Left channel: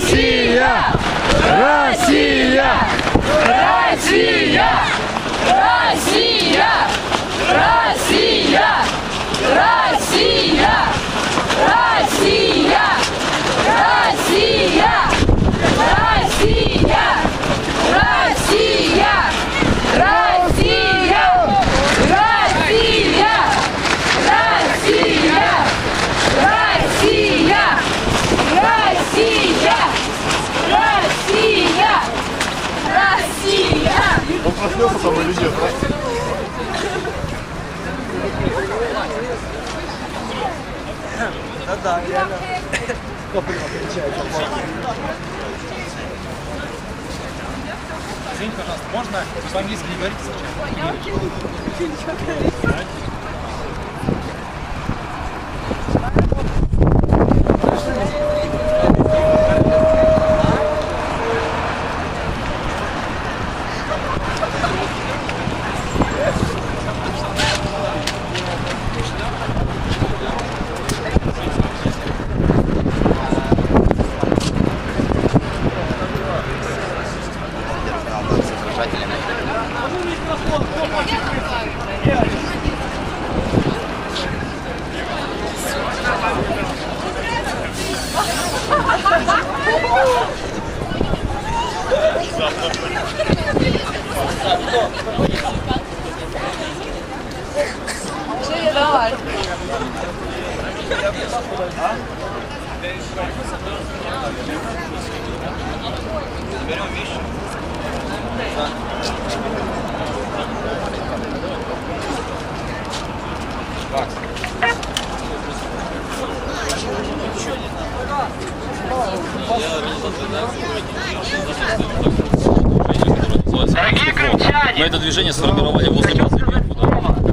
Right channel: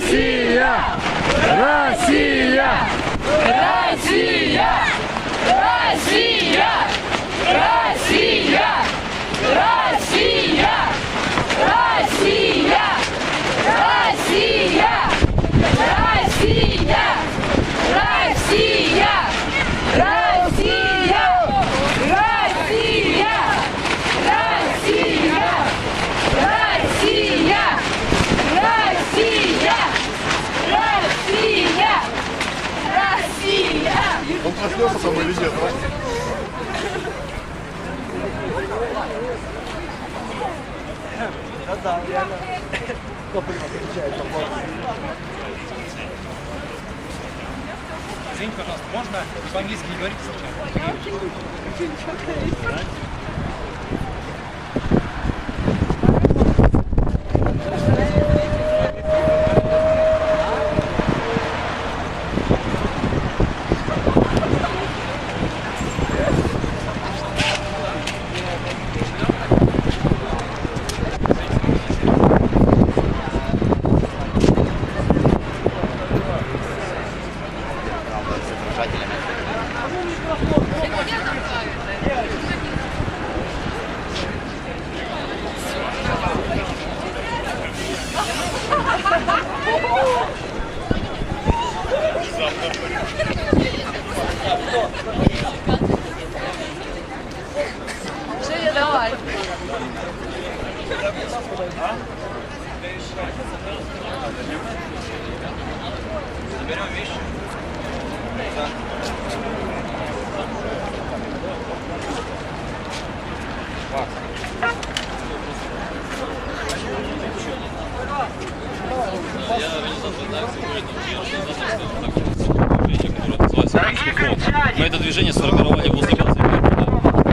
Россия! Россия! Россия! Россия! Россия! Россия! самое везде, Да-да, реально. Топлива отличает от Извините, пожалуйста, можно вы по-английски не говорите сейчас? нарушителями. Żyje na ładnie. Заберем вещи. Мы это движение сформировали возле базы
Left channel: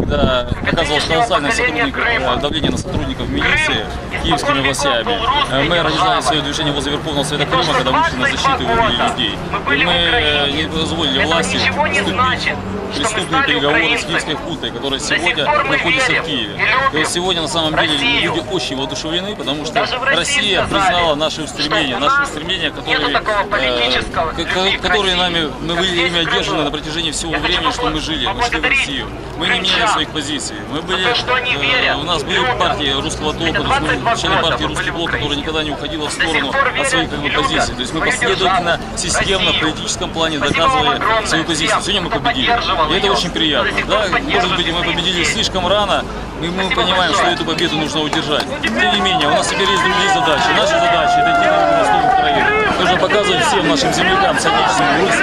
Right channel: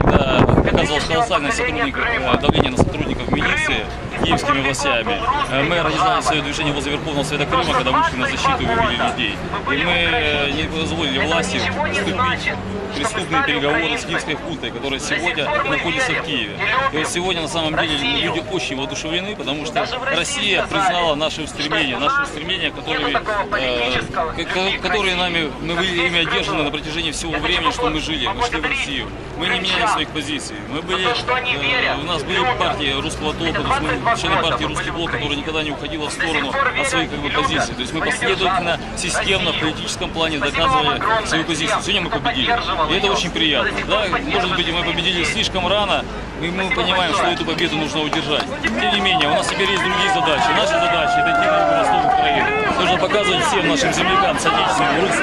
когда оказывалось колоссальное э, давление на сотрудников милиции киевскими властями. Э, Мы организовали свое движение возле Верховного Совета Крыма, когда вышли на защиту и вывели людей. И мы э, не позволили власти вступить в преступные переговоры с киевской хунтой, которая сегодня находится в Киеве. И вот сегодня на самом деле люди очень воодушевлены, потому что Россия признала наши устремления, наши устремления, которые, э, ко- ко- которые нами, мы были ими одержаны на протяжении всего времени, что мы жили, мы шли в Россию. Мы не меняли своих позиций. Мы были, э, у нас были партии русского толка, то есть мы члены партии Русский блок, которая никогда не уходила в сторону от своих как бы, позиций. То есть мы последовательно, системно в политическом плане доказывали свою позицию. Сегодня мы победили. И это очень приятно. Да? Может быть, мы победили слишком рано, и мы понимаем, что эту победу нужно удержать. Тем не менее, у нас теперь есть другие задачи. Наши задачи – это идти на юго-восток Украины. Нужно показывать всем нашим землякам, соотечественным людям,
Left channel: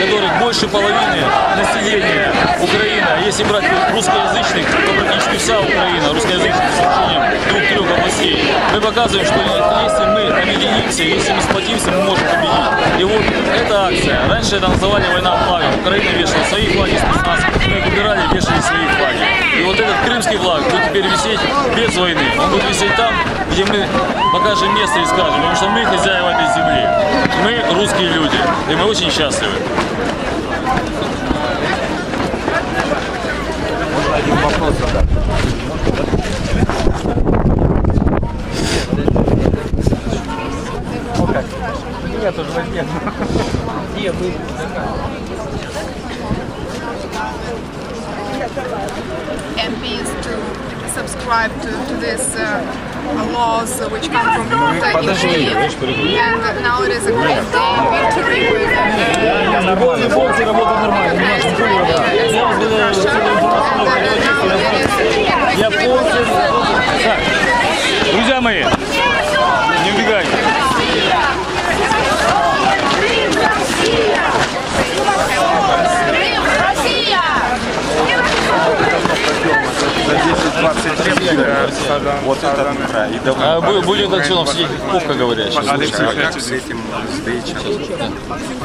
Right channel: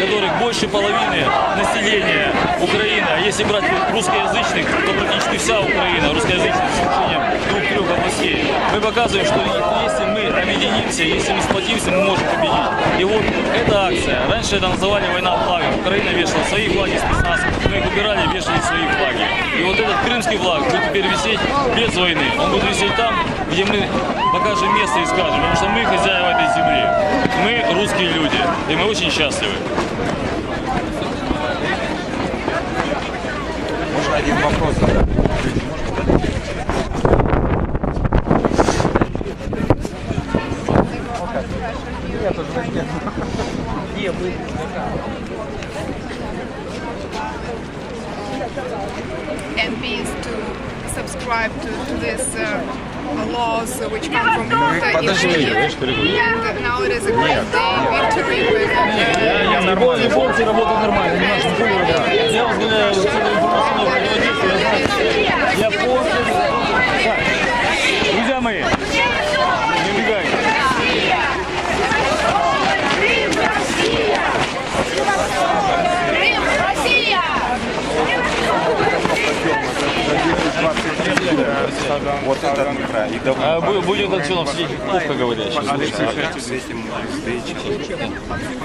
которых больше половины населения Украины, а если брать русскоязычных, то практически вся Украина русскоязычная, с исключением двух-трех областей. Мы показываем, что если мы объединимся, если мы сплотимся, мы можем победить. И вот эта акция, раньше это называли война флагов. Украина вешала свои флаги спецназ, мы их убирали, вешали свои флаги. И вот этот крымский флаг будет теперь висеть без войны. Он будет висеть там, где мы покажем место и скажем, потому что мы хозяева этой земли. Мы русские люди, и мы очень счастливы. MPs to subscribe to, to these uh, laws which come from Malta in Kyiv. And now it is a great day, victory with uh, Это да, и. А бу- будет отсюда сидеть попка говорящая. слушайте. А как с этим сдвичем?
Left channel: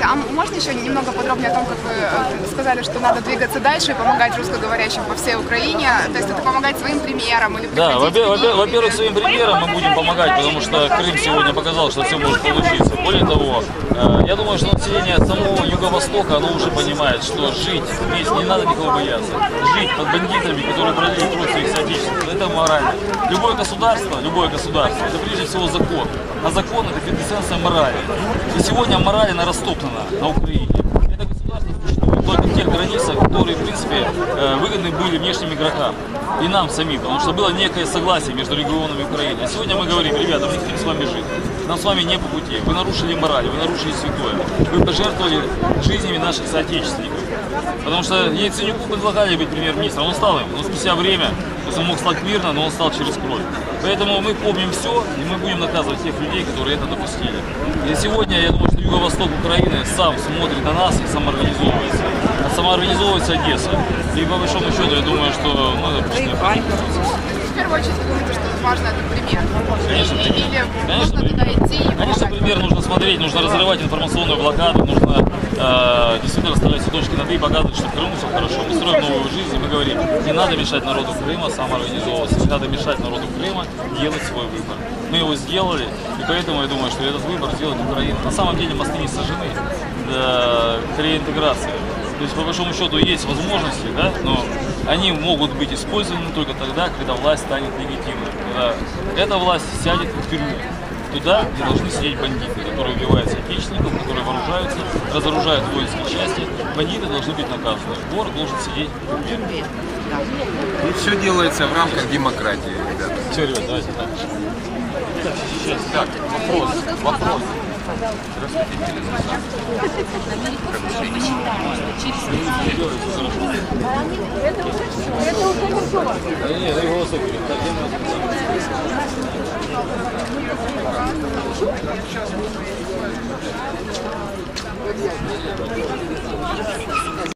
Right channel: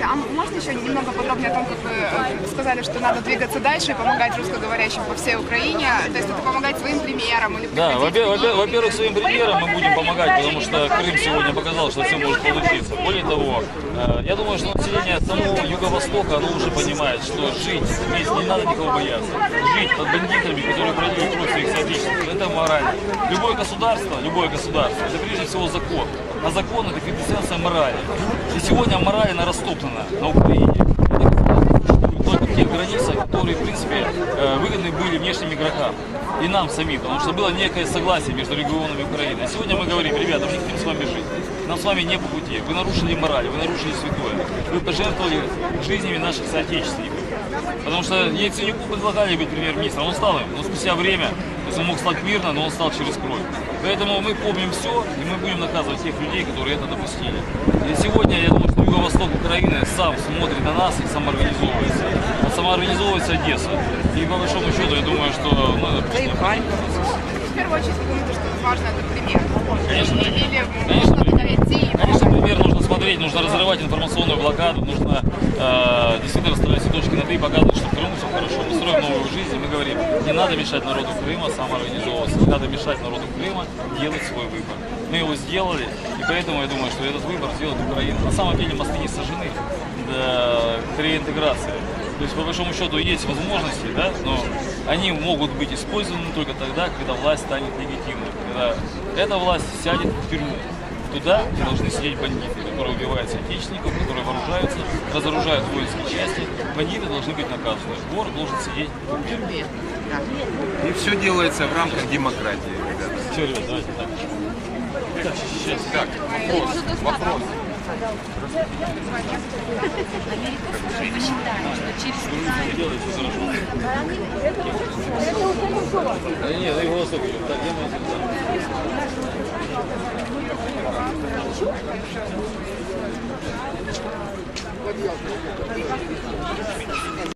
А можете еще немного подробнее о том, как вы э, сказали, что надо двигаться дальше и помогать русскоговорящим по всей Украине? То есть это помогать своим примером или Да, во-первых, своим примером мы будем помогать, потому что Крым сегодня показал, что все может получиться. Более того, э, я думаю, что население самого Юго-Востока, оно уже понимает, что жить здесь не надо никого бояться. Жить под бандитами, которые брали кровь своих соотечественников, это морально. Любое государство, любое государство, это прежде всего закон. А закон это квинтэссенция морали. И сегодня мораль она растоптана на Украине. Это государство существует только в тех границах, которые, в принципе, э, выгодны были внешним игрокам и нам самим, потому что было некое согласие между регионами Украины. А сегодня мы говорим, ребята, мы не хотим с вами жить. Нам с вами не по пути. Вы нарушили мораль, вы нарушили святое. Вы пожертвовали жизнями наших соотечественников. Потому что Яценюку предлагали быть премьер-министром, он стал им, но спустя время, то есть он мог стать мирно, но он стал через кровь. Поэтому мы помним все, и мы будем наказывать тех людей, которые это допустили. И сегодня, я думаю, что Юго-Восток Украины сам смотрит на нас и самоорганизовывается. А самоорганизовывается Одесса. И по большому счету, я думаю, что ну, это просто необходимо. В первую очередь, вы думаете, что важно это пример? Конечно, пример. Или Конечно, туда пример. идти и Конечно, пример нужно смотреть, нужно разрывать информационную блокаду, нужно э, действительно расставлять все точки над «и», показывать, что в Крыму все хорошо. Мы строим новую жизнь, и мы говорим, не надо мешать народу Крыма самоорганизовываться, не надо мешать народу Крыма делать свой выбор. Мы его сделали, и поэтому я думаю, что этот выбор сделает Украина. На самом деле мосты не сожжены до реинтеграции. То есть, по большому счету, есть возможности, да, но они могут быть использованы только тогда, когда власть станет легитимной. Когда эта власть сядет в тюрьму. Туда, где должны сидеть бандиты, которые убивают соотечественников, которые вооружаются, разоружают воинские части. Бандиты должны быть наказаны. Вор должен сидеть в тюрьме. И все делается в рамках демократии, ребята. Все, ребят, давайте так. Так, вопрос, вопрос. Делай все хорошо. Да не, ну и голосок берем. Так, где мы